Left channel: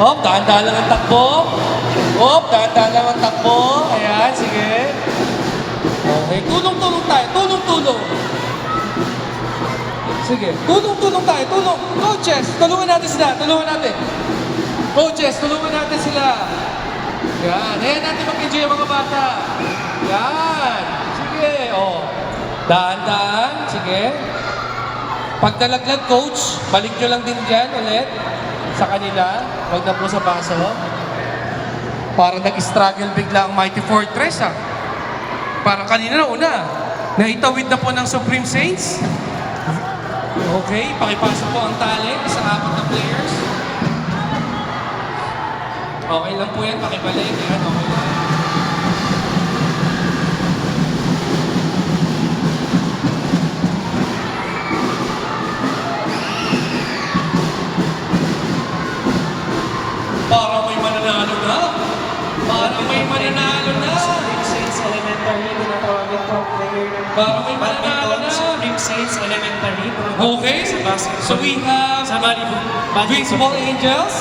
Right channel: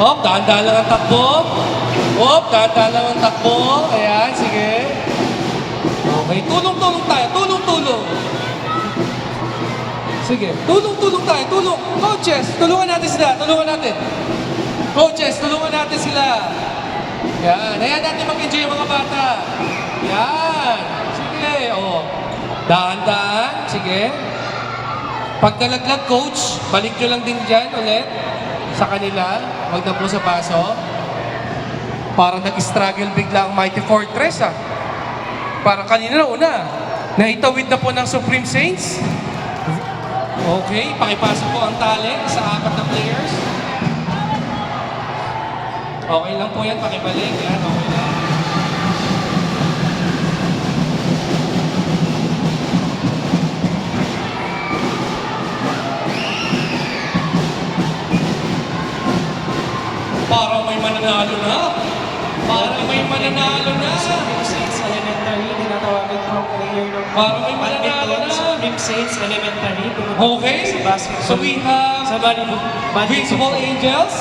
Dahan-dahan lang ang takbo. Dahan-dahan lang ang takbo. Ayan, sige. Okay, tulong-tulong tayo. Tulong-tulong. Sige, tulong-tulong tayo. Tulong. Coaches, tulungan natin sila. Tulungan natin. Coaches, tulungan natin sila. Yan. Ayan natin mag-enjoy mga bata. Yan. Sige, dahan-dahan. Sige. Pag nalaglag, coach, balik nyo lang din dyan ulit sa kanila. Huwag na po sa paso. Parang nag-struggle bigla ang Mighty Fortress, ah. Parang kanina na una. Naitawid na po ng Supreme Saints. Okay, pakipasok po ang tali sa 4 na players. Okay lang po yan, pakibalik. Yan, okay lang. Parang may mananalo na. Parang may mananalo na. Supreme Saints Elementary, tinatawagin po ang player ng Parang may mananalo na. Supreme Saints Elementary. Okay, Sa basketball. so we have Sa volleyball. Vincible Angels.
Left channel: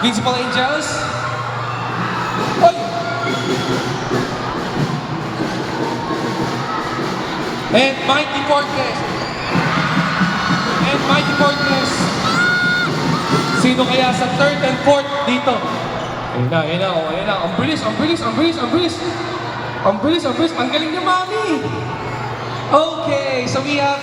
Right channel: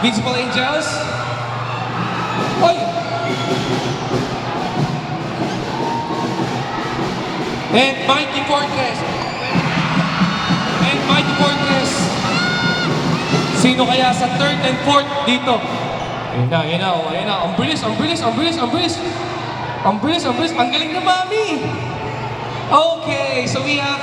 Vincible Angels. Oy! And Mighty Fortress. And Mighty Fortress. Sino kaya sa 3rd and 4th dito? Ayan na. Ang bilis. Ang galing na, Mami. Okay, so we have